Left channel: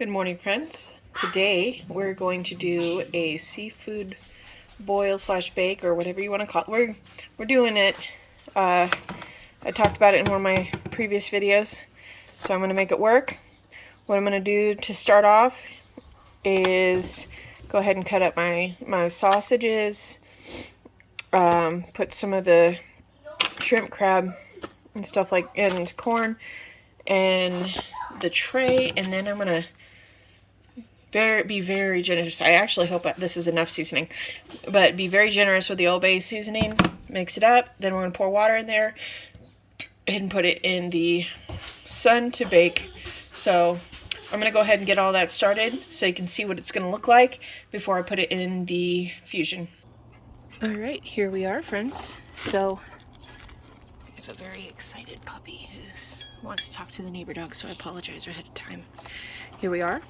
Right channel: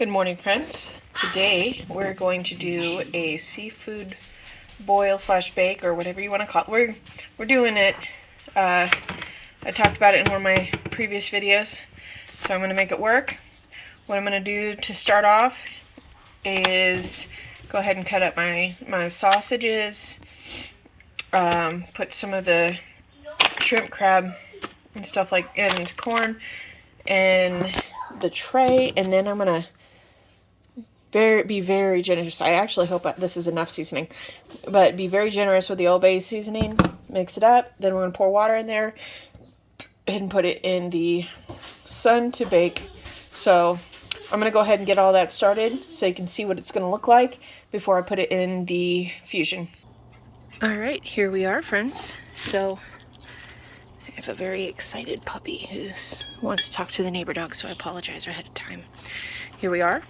Good morning, friends. Today we're going to do a seafood boil slash bake, or whatever you want to call it. We're doing it. I talked about it in one of my previous videos, so I'm going to make it work. What I'm going to do to start off is go ahead and cut up my sausages, put some of the shrimp, crab, and stuff and corn in the tray, and then I'm going to be very generous. I actually hope this is enough seasoning, but be very generous with the Old Bay seasoning. Mix it up. Then we're going to pour water in there and put it in the sun to bake. So I'm going to go ahead and get all that started so you can see what it's going to look like before I put it in the Fusion. All right, here we are, friends. So I have a very excited puppy who wants to talk to the neighbor dog, so I apologize ahead of time. Here we are.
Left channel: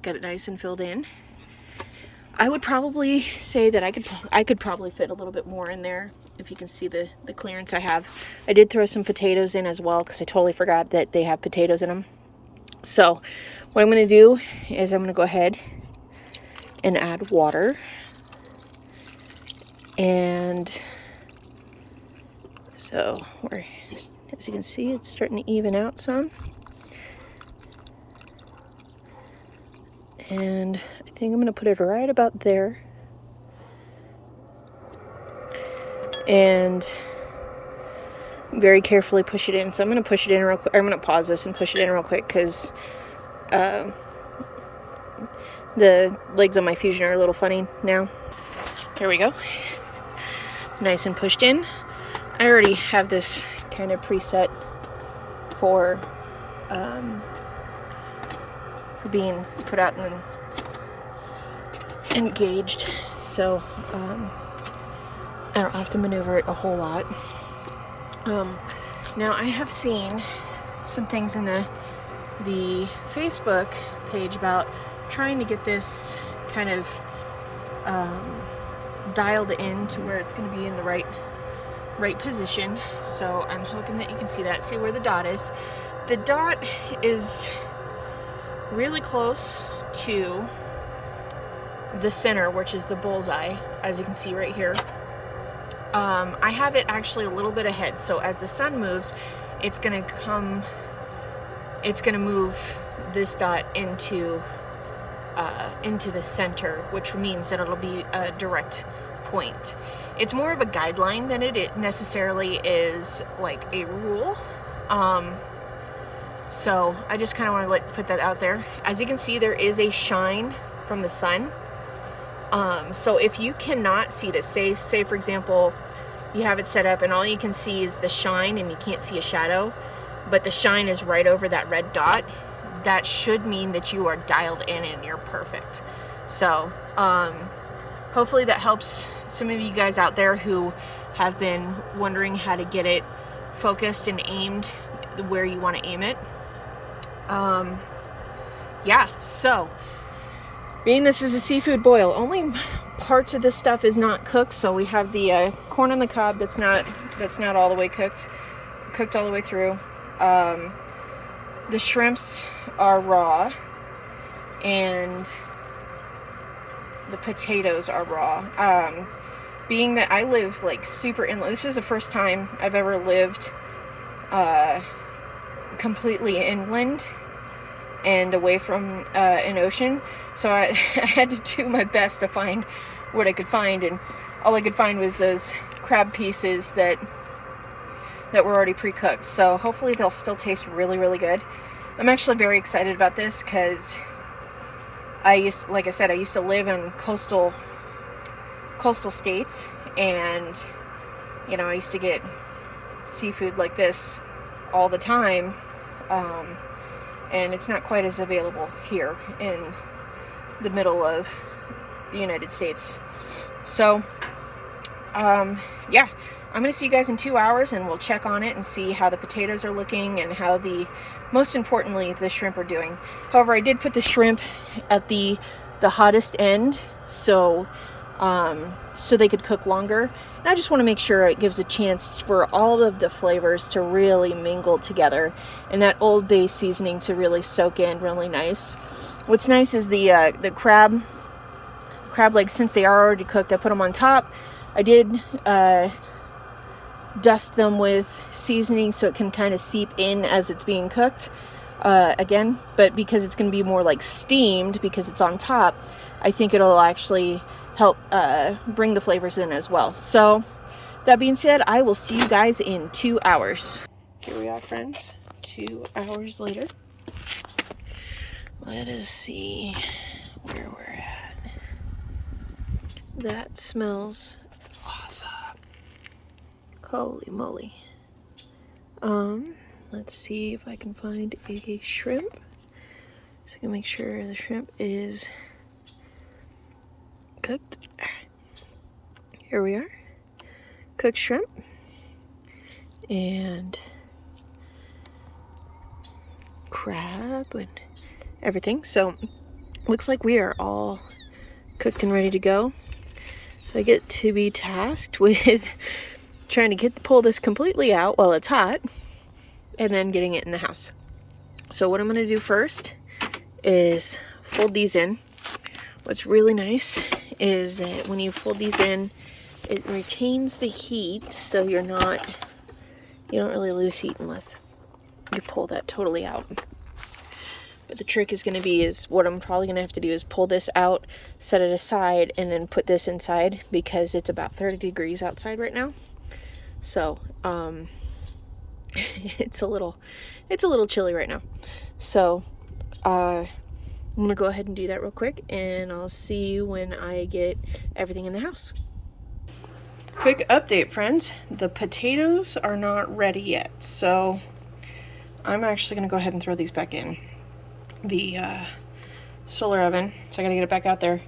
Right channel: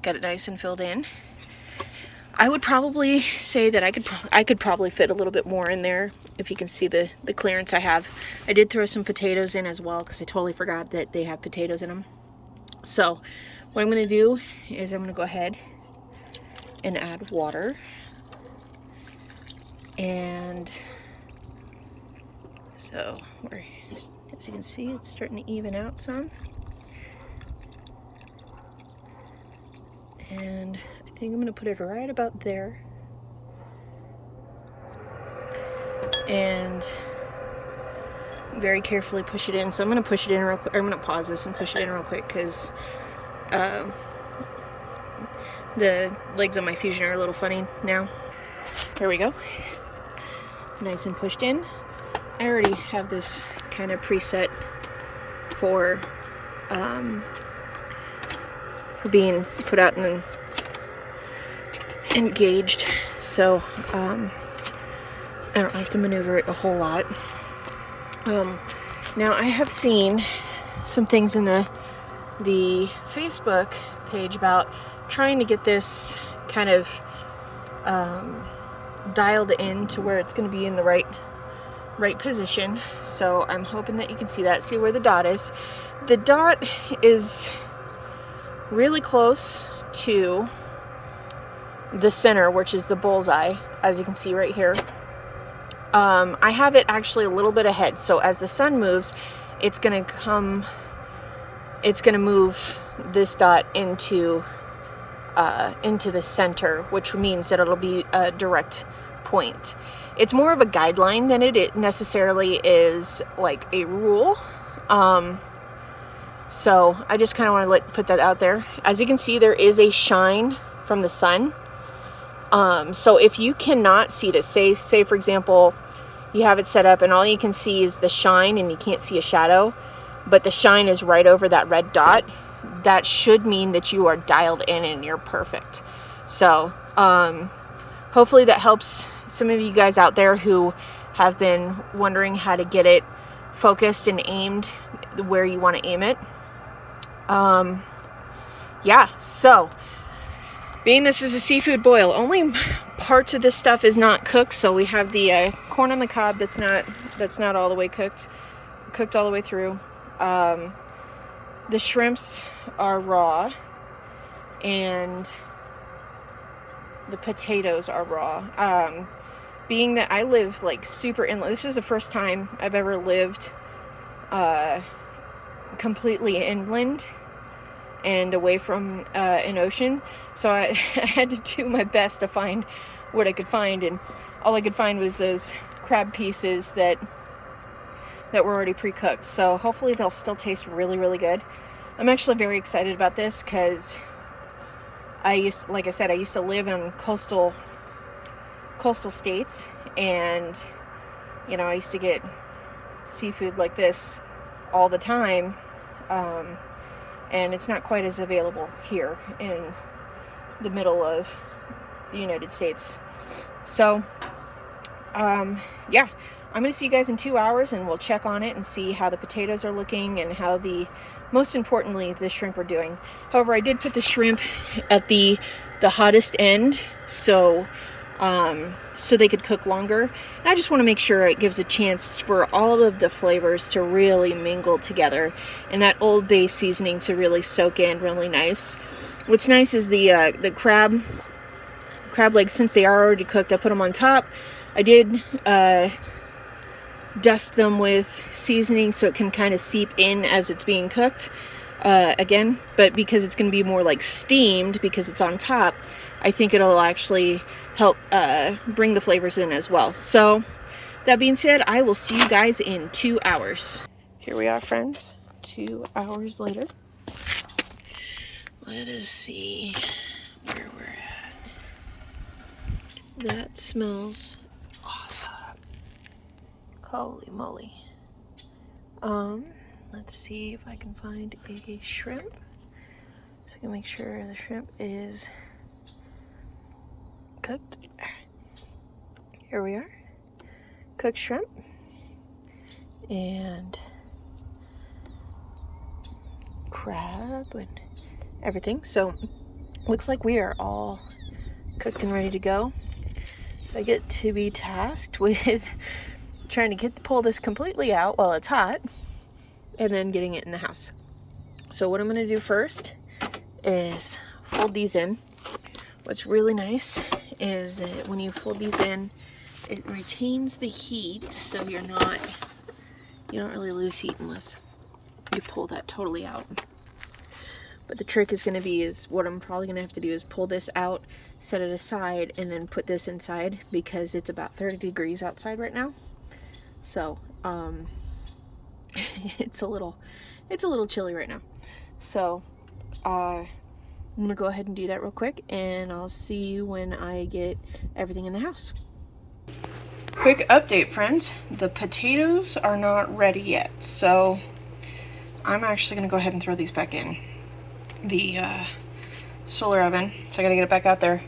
Got it nice and filled in. I would probably say that I could probably fit a little bit more in there if you can see the clearance I have. I did throw some potatoes in as well because I totally forgot that they have potatoes in them. So what I'm going to do is I'm going to go ahead and add water. And so as you can see, it's starting to even out some. And I think I'm going to put it right about there. And very carefully push it in. So I'm going to push it in real quick. I'm going to pause this and push it in real quick because the legs on my Fusion are a little funny now. There we go. Nice and pushed in. I already have this kind of preset for being put out and engaged, so I don't have to maneuver it a whole lot. Now I have seen some things in the Facebook page about trying to get this kind of dialed in to where it's going to be in the right position. So I'm hoping that you can see that. See where the dot is. The dot is really close to the center, which is the bullseye, as you can see right here. I have it actually a little bit ahead, so as the sun moves, it's gonna move this dot into the center, which means that it'll be a direct point. It's more of a guideline than it necessarily is like a rule. So I just kind of want to put that out there. As you can see, there is a shine from the sun. So if you cannot see this, say for example, you have it set up and all you can see is the shine and you can't see a shadow, but the shine is right over that red dot, that should mean that you are dialed in and you're perfect. So hopefully that helps some of you guys out there who have been wondering how to get it focused and aimed where you want to aim it. Yeah, so being this is a seafood boil, only parts of this stuff is not cooked. So we have the corn on the cob that's not all the way cooked all the way through. The shrimps are raw and the potatoes are raw. Being that I live like super inland, this is the first time I've ever lived completely inland and away from an ocean, so I had to do my best to find what I could find, and all I could find was those crab pieces that were already pre-cooked. So hopefully they'll still taste really, really good. I'm actually very excited about this because like I said, I used to live in coastal states, and you know, I used to get seafood like this all the time, and it's not quite as available here in the middle of the United States. So yeah, I'm going to see you guys in 2 hours and we'll check on it and see how the potatoes are looking and how most importantly, the shrimp are doing. However, I did put the shrimp at the hottest end, so so they could cook longer. And I just want to make sure it gives a chance for all of the flavors to really mingle together and that Old Bay seasoning to really soak in really nice. What's nice is the crab legs, since they are already cooked, I put them on top. I did dust them with seasoning so it can kind of seep in as it's being cooked again, but because it's going to be more like steamed because it's on top, I think it'll actually help bring the flavors in as well. So that being said, I will see you guys in 2 hours. Here we are, friends, 2 hours later. Let us see where we're at. That smells awesome. Holy moly. Let's see if I can find a shrimp. So I can make sure the shrimp is cooked. Here we are. Cooked shrimp. And crab and everything. So looks like we are all cooked and ready to go. So I get to be tasked with trying to pull this completely out while it's hot and then getting it in the house. So what I'm going to do first is fold these in. What's really nice is that when you fold these in, it retains the heat, so you don't really lose heat unless you pull that totally out. But the trick is going to be what I'm probably going to have to do is pull this out, set it aside, and then put this inside because it's about 30 degrees outside right now. So it's a little chilly right now. So I'm going to go ahead and do that real quick, and I'll see you when I get everything in the house. Quick update, friends. The potatoes are not ready yet, so I'm actually going to go ahead and throw these back in the solar oven. So I got to get it back out there,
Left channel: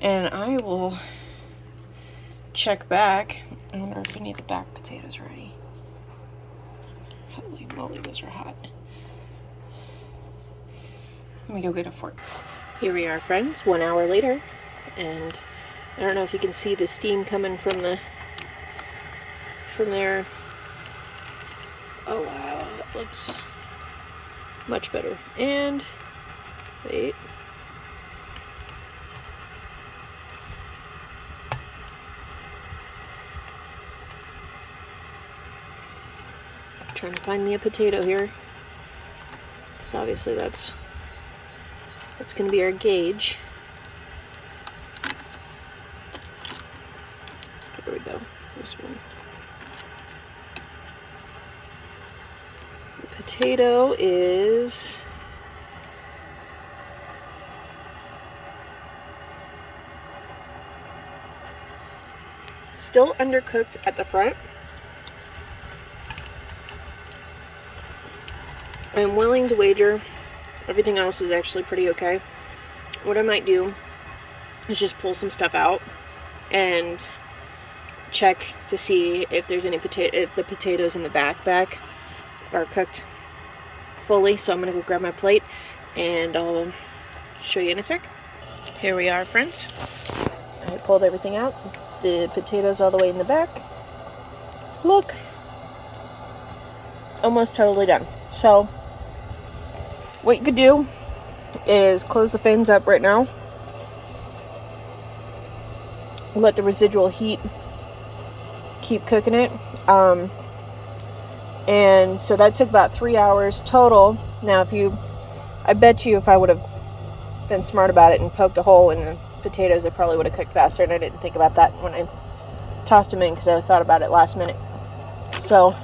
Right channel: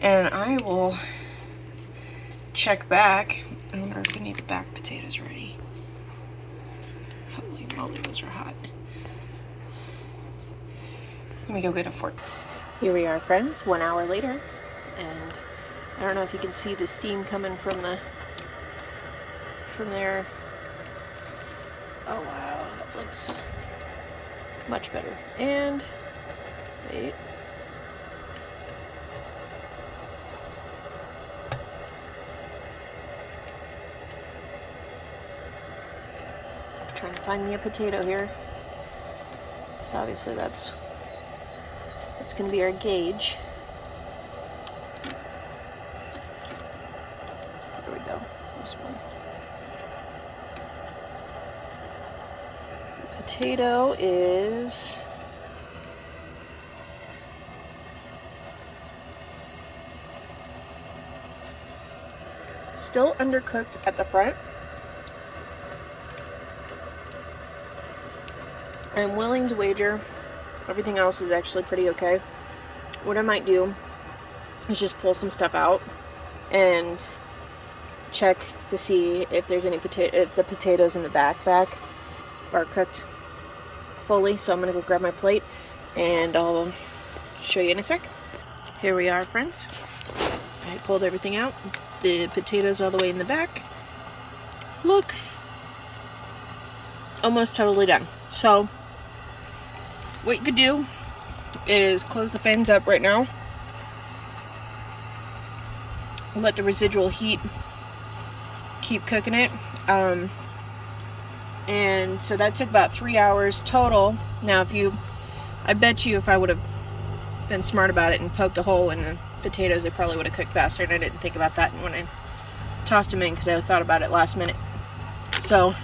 and I will check back. I wonder if we need the back potatoes ready. Holy moly, those are hot. Let me go get a fork. Here we are, friends, 1 hour later, and I don't know if you can see the steam coming from there. Oh wow, that looks much better. And wait. I'm trying to find me a potato here. So obviously that's going to be our gauge. There we go. There's one. The potato is still undercooked at the front. I'm willing to wager everything else is actually pretty okay. What I might do is just pull some stuff out and check to see if there's any if the potatoes in the back are cooked fully. So I'm gonna go grab my plate and I'll show you in a sec. Here we are, friends. I pulled everything out. The potatoes all the way in the back. Look, almost totally done. So what you could do is close the fins up right now. Let the residual heat keep cooking it. And so that took about 3 hours total. Now I bet you if I would have been smart about it and poked a hole in the potatoes, they probably would have cooked faster, and I didn't think about that when I tossed them in because I thought about it last minute. So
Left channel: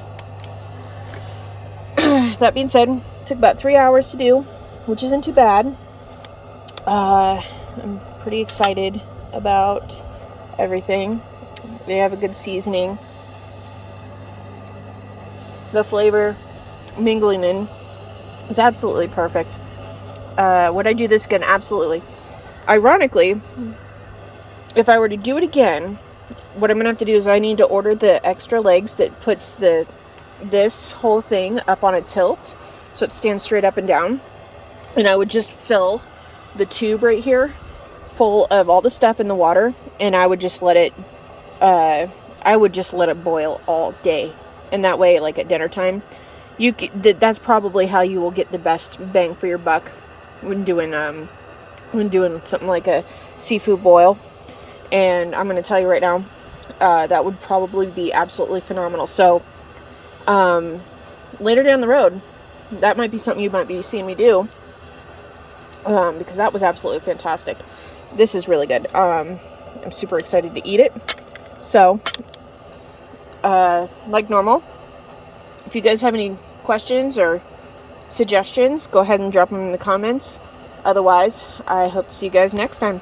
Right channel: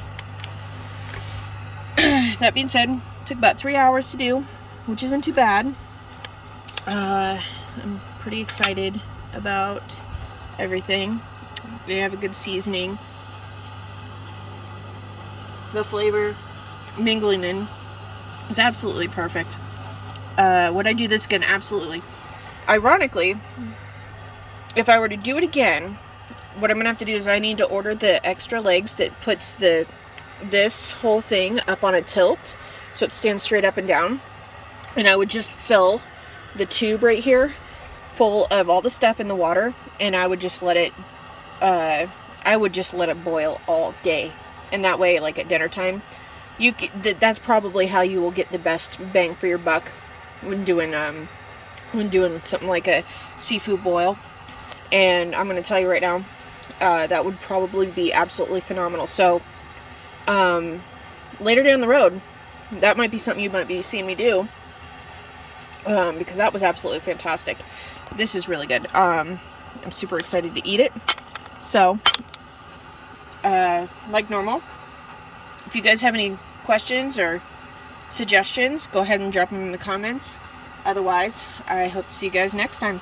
that being said, took about 3 hours to do, which isn't too bad. I'm pretty excited about everything. They have a good seasoning. The flavor mingling in is absolutely perfect. Would I do this again? Absolutely. Ironically, if I were to do it again, what I'm going to have to do is I need to order the extra legs that puts this whole thing up on a tilt so it stands straight up and down. And I would just fill the tube right here full of all the stuff in the water, and I would just let it boil all day. And that way, like at dinner time, that's probably how you will get the best bang for your buck when doing something like a seafood boil. And I'm going to tell you right now, that would probably be absolutely phenomenal. So later down the road, that might be something you might be seeing me do, because that was absolutely fantastic. This is really good. I'm super excited to eat it. So like normal, if you guys have any questions or suggestions, go ahead and drop them in the comments. Otherwise, I hope to see you guys next time.